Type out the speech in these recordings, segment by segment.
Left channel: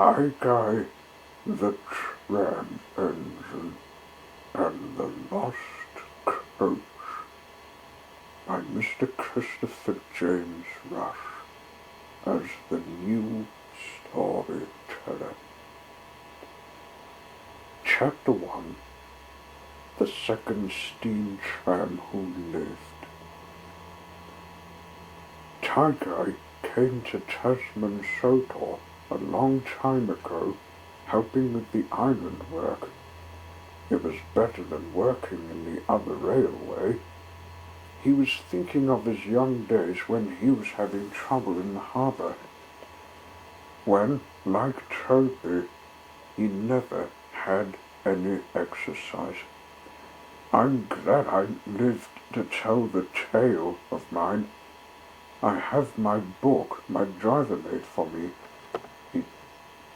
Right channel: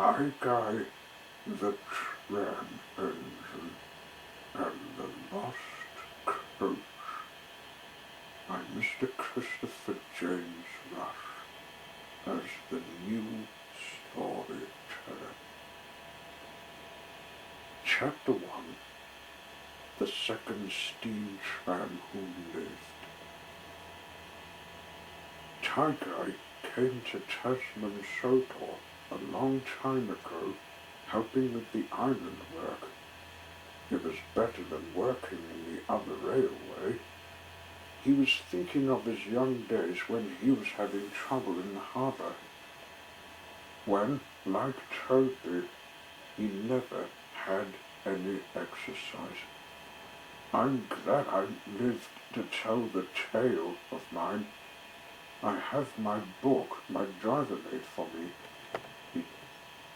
Tigy, the Tram Engine, and the Lost Coach by Mr. Christopher James Rush as the new storyteller. Chapter 1. The Second Steam Tram Who Lived. Tigy came to Tasman Sodor a long time ago, helping with the island work. It was better than working in the other railway. He was thinking of his young days when he was having trouble in the harbour, when, like Toby, he never had any exercise. I'm glad I lived to tell the tale of mine. I have my book my driver made for me, he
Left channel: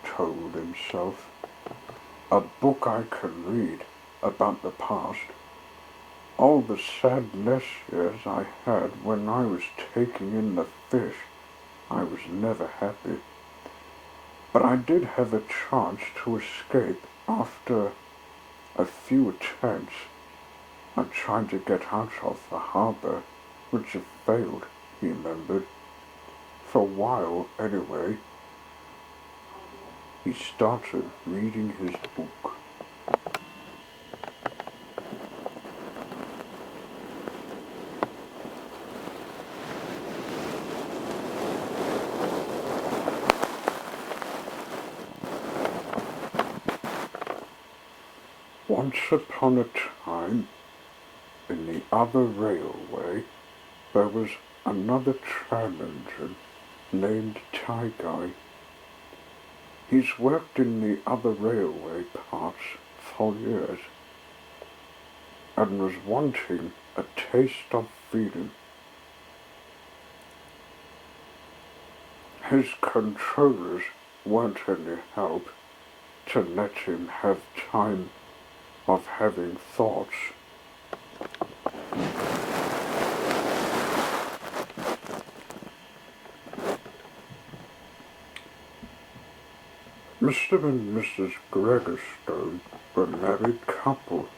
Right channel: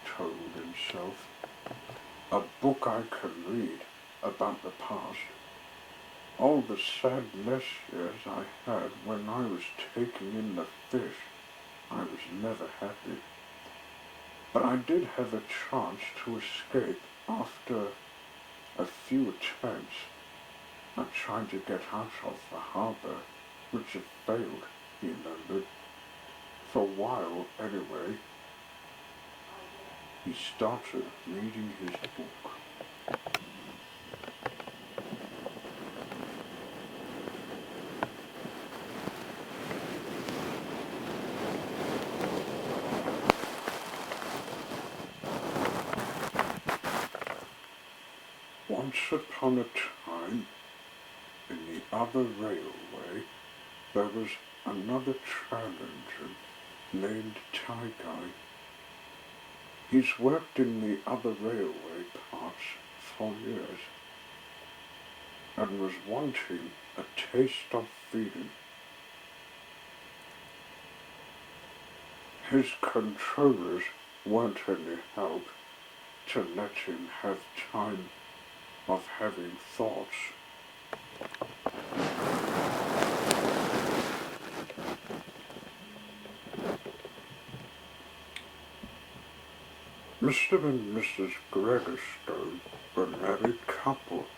told himself. A book I can read about the past. All the sad years I had when I was taking in the fish. I was never happy. But I did have a chance to escape after a few attempts at trying to get out of the harbour, which had failed, he remembered. For a while, anyway. He started reading his book. Once upon a time, in the other railway, there was another tram engine named Tigy. He's worked in the other railway parts for years, and was wanting a taste of freedom. His controllers weren't any help to let him have time of having thoughts. Mr. and Mrs. Gragastone were a married couple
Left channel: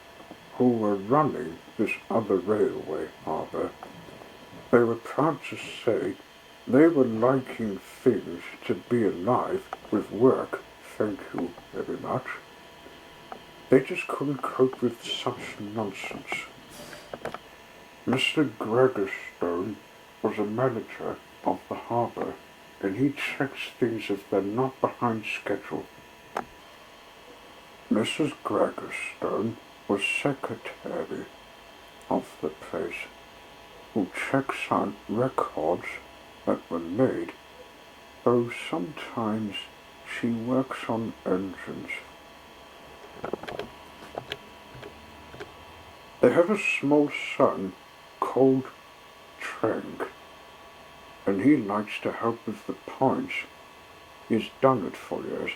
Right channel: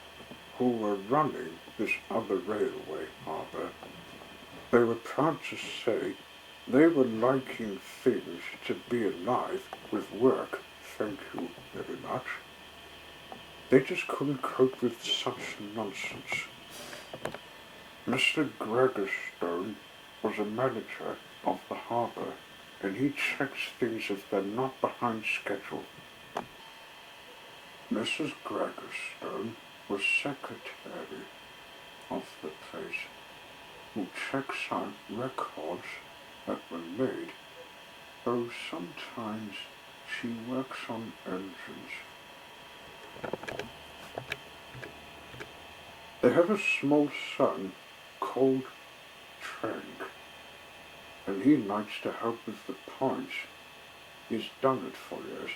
who were running this other railway harbour. They were proud to say they were liking things to be alive with work, thank you very much. They just couldn't cope with such nonsense. Mr. Gragastone was a manager of the harbour, and he checks things if they're not behind schedule. Mrs. Gragastone was secretary of the place, who checks on records that were made, though sometimes she works on engines. They have a small son called Trank, and he likes to help with the points. He's done it for years.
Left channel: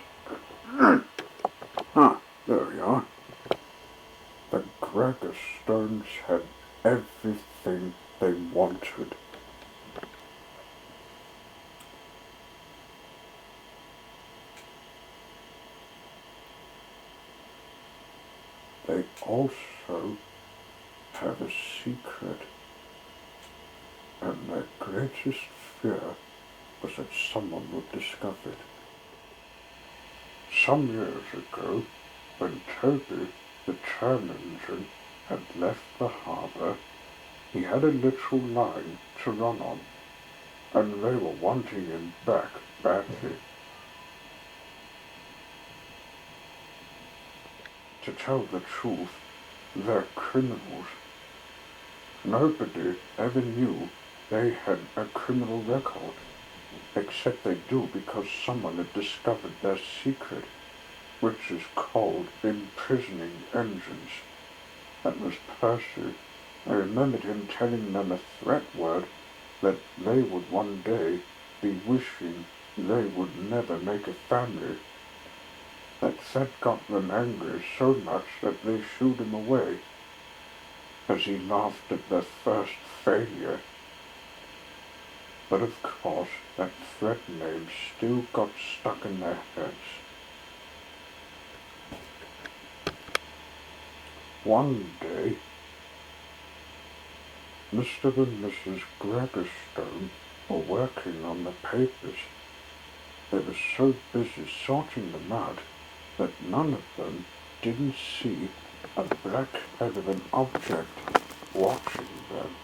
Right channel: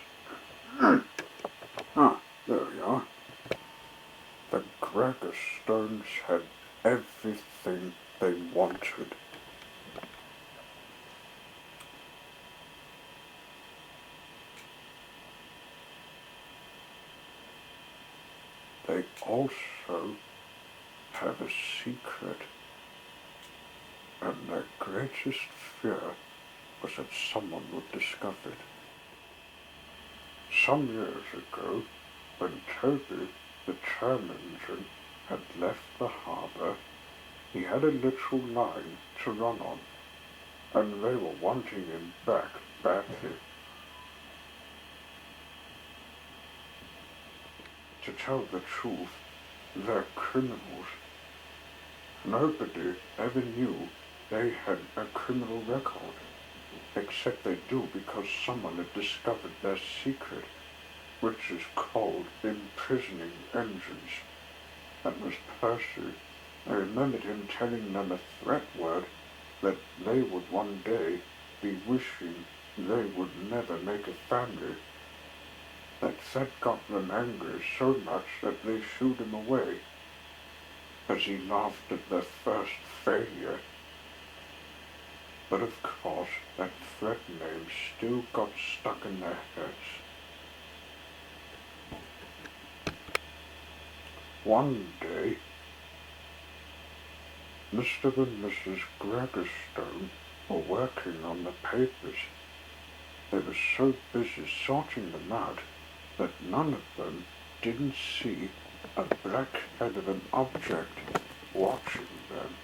There we are. The Gragastones had everything they wanted. They also have a secret, and their greatest fear was that someone would discover it. Some years ago, when Toby, the tram engine, had left the harbour, he had a little line to run on, and they were wanting him back badly. To tell the truth, they're criminals. Nobody ever knew they had a criminal record, except they do because someone had discovered their secret, which is called imprisoning engines. That was Percy. I remembered him telling them a threat word that they would one day be wishing they would never make a family. That threat got them angry so much that they shooed him away, as he laughed at their first failure. but of course that thread name still got stuck in their heads. One day, Mr. and Mrs. Gragastone were working on the papers. They were so busy sorting them out that none of them didn't see a black head of an object watching them.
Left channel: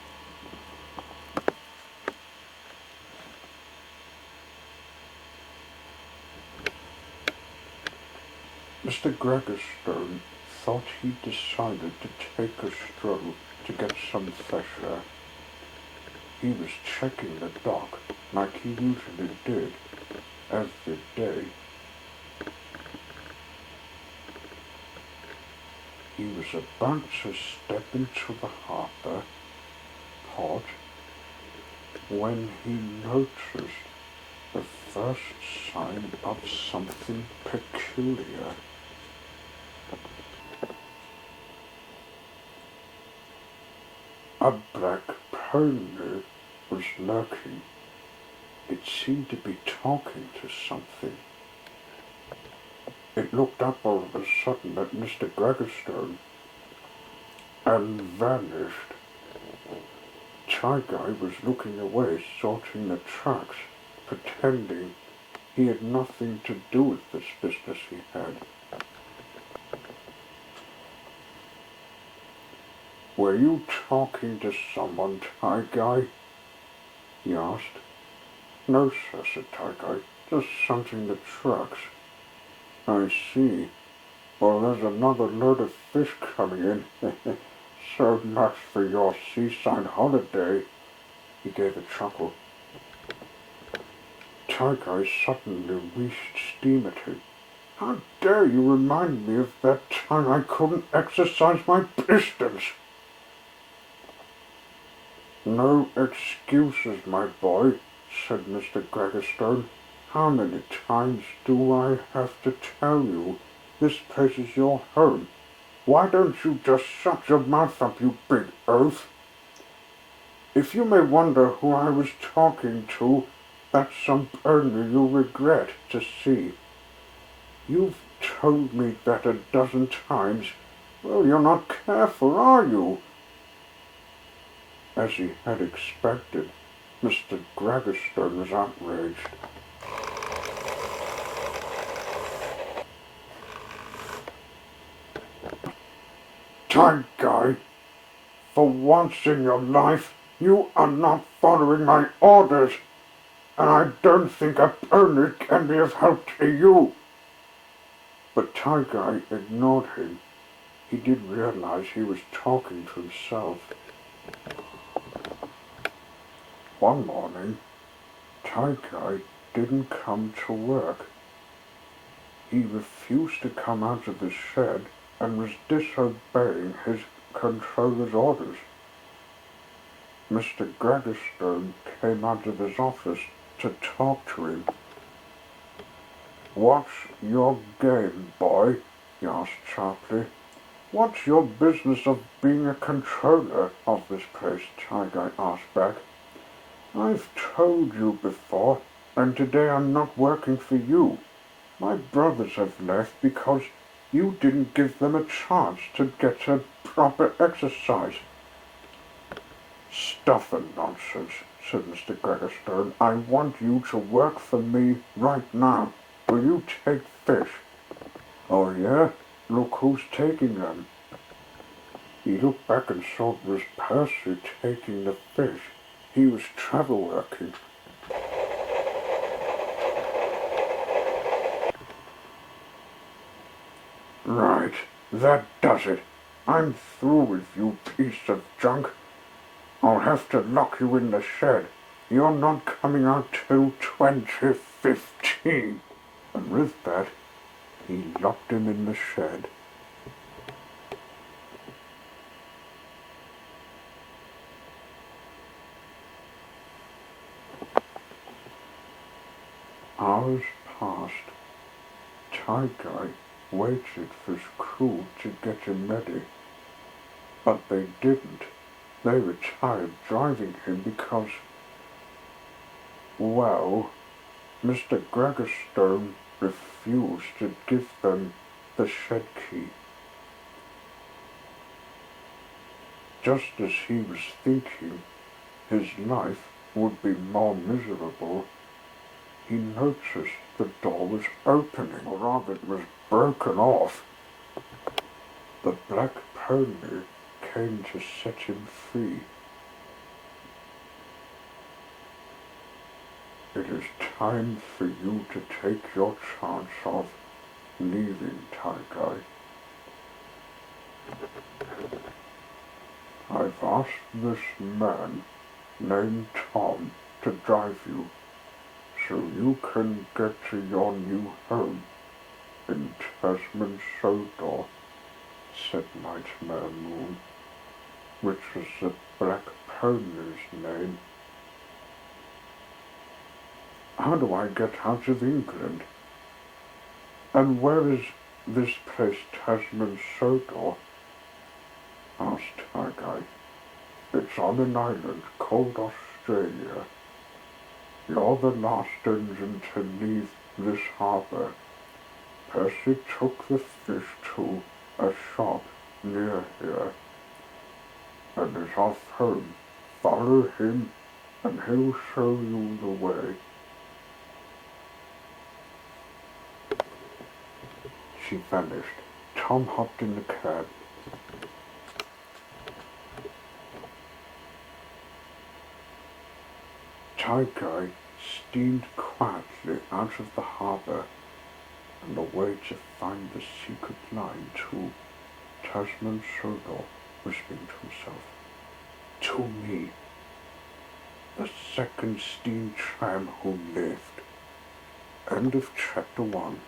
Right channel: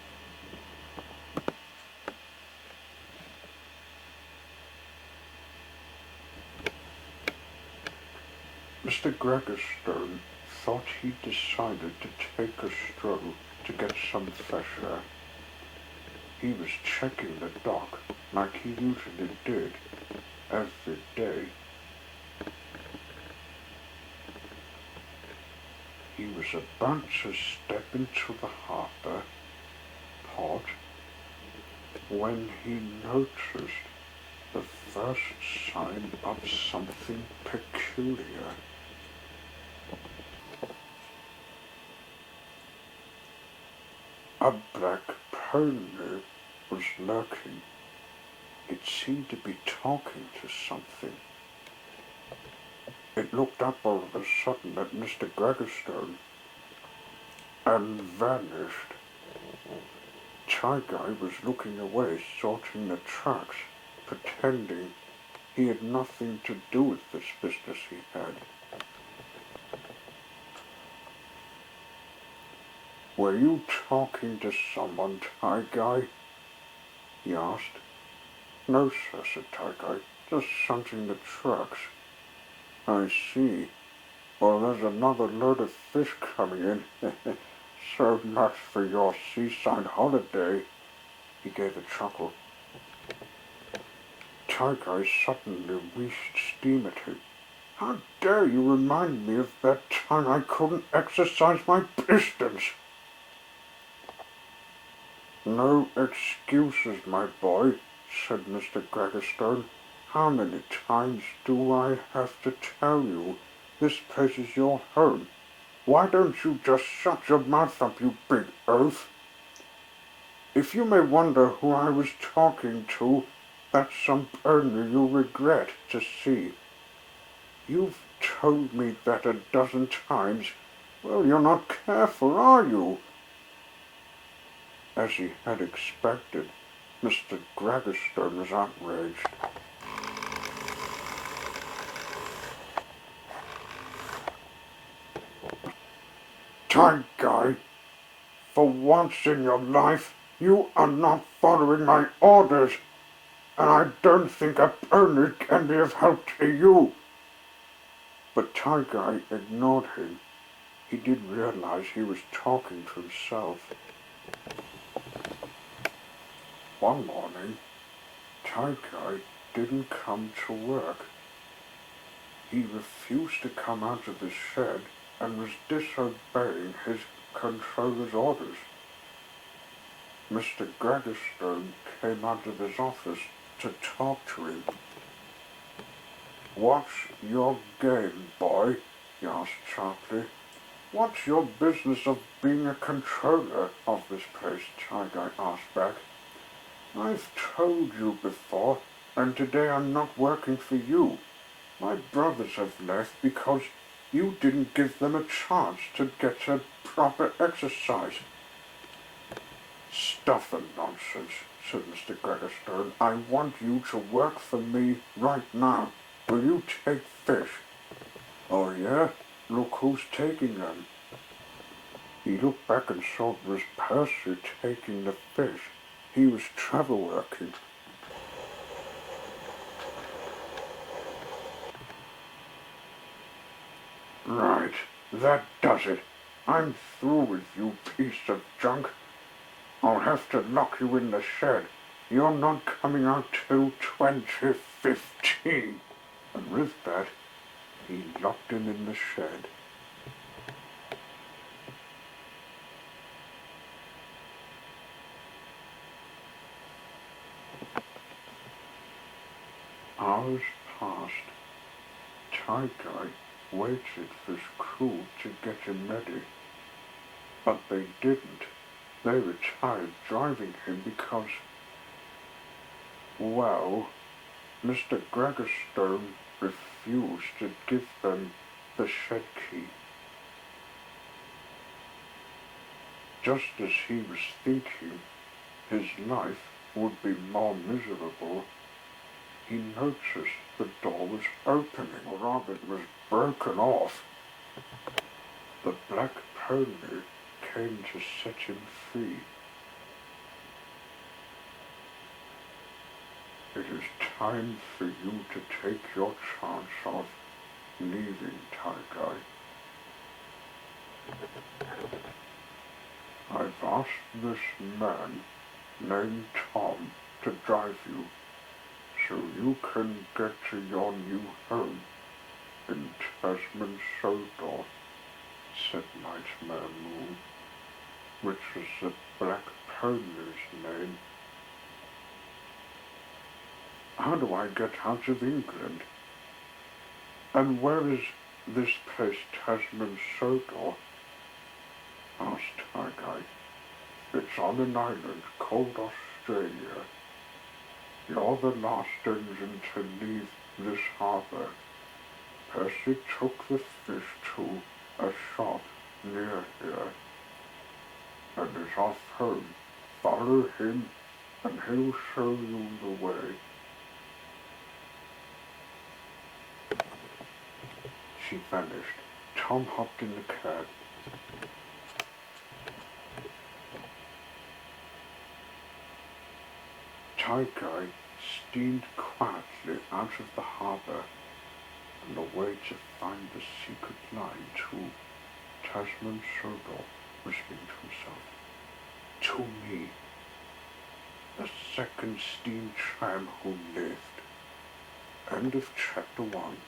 Mr. Gragastone thought he decided to take a stroll to get some fresh air. He was checking the dock like he usually did every day. He was about to step into the harbour port when he noticed the first sign of something peculiar. A black pony was lurking. It seemed to be talking to something. It looked up all of a sudden at Mr. Gragastone and vanished. Tigy was looking away, sorting the tracks, pretending he had nothing to do with this business he had. "Were you talking to someone, Tigy?" he asked. "No, sir," said Tigy, "just shunting the trucks." "I see. Well, there's another load of fish coming in. So much for your seaside holiday." He gave a chuckle. Tigy suddenly wheezed steam at him. "How dare you remind me of that time I couldn't exercise my pistons?" "No excuses, my boy," said Mr. Gragastone. "How many times do I have to tell you this place is your home? Why don't you just shut your mouth up, you big oaf? If you may wonder who I was talking to, that's some pony you'll regret to see. You've told me that a dozen times. Well, you're not careful, are you?" As he had expected, Mr. Gragastone was outraged. "Tigy, for once in your life, you are not following my orders, and I don't think a pony can be of help to you." But Tigy ignored him. He did realize he was talking to himself. One morning, Tigy didn't come to work. He refused to come out of his shed and was disobeying his controller's orders. Mr. Gragastone came out of his office to talk to him. "What's your game, boy?" he asked sharply. "What's your business of being a controller of this place?" Tigy asked back. "I've told you before, and today I'm not working for you. My brothers have left because you didn't give them a chance to get a proper exercise." "Stuff and nonsense," said Mr. Gragastone. "I want you to work for me right now. Will you take fish?" "Oh yeah? Look who's taking them." He looked back and saw it was Percy taking the fish. He was travel working. "Right, that does it. I'm through with you, piece of junk. I'll have to lock you in the shed. You're not coming out till 2015. And with that, he locked him in the shed. Hours passed. Tigy waited for his crew to get him ready, but they didn't. They were tired driving him because Well, Mr. Gragastone refused to give them the shed key. Just as he was thinking his life would be more miserable, he noticed the door was opening, or rather it was broken off. The black pony came to set him free. It is time for you to take your chance of leaving, Tigy. I've asked this man named Tom to drive you, so you can get to your new home in Tasman Sodor, said Nightmare Moon, which was the black pony's name. How do I get out of England? And where is this place, Tasman Sodor? Asked Tigy. It's on an island called Australia. You're the last engine to leave this harbour. Percy took the fish to a shop near here and is off home. Follow him and he'll show you the way. She vanished. Tom hopped in the cab. Tigy steamed quietly out of the harbour and away to find the secret line to Tasman Sodor, whispering to himself, "To me, the second steam tram who lived." End of chapter 1.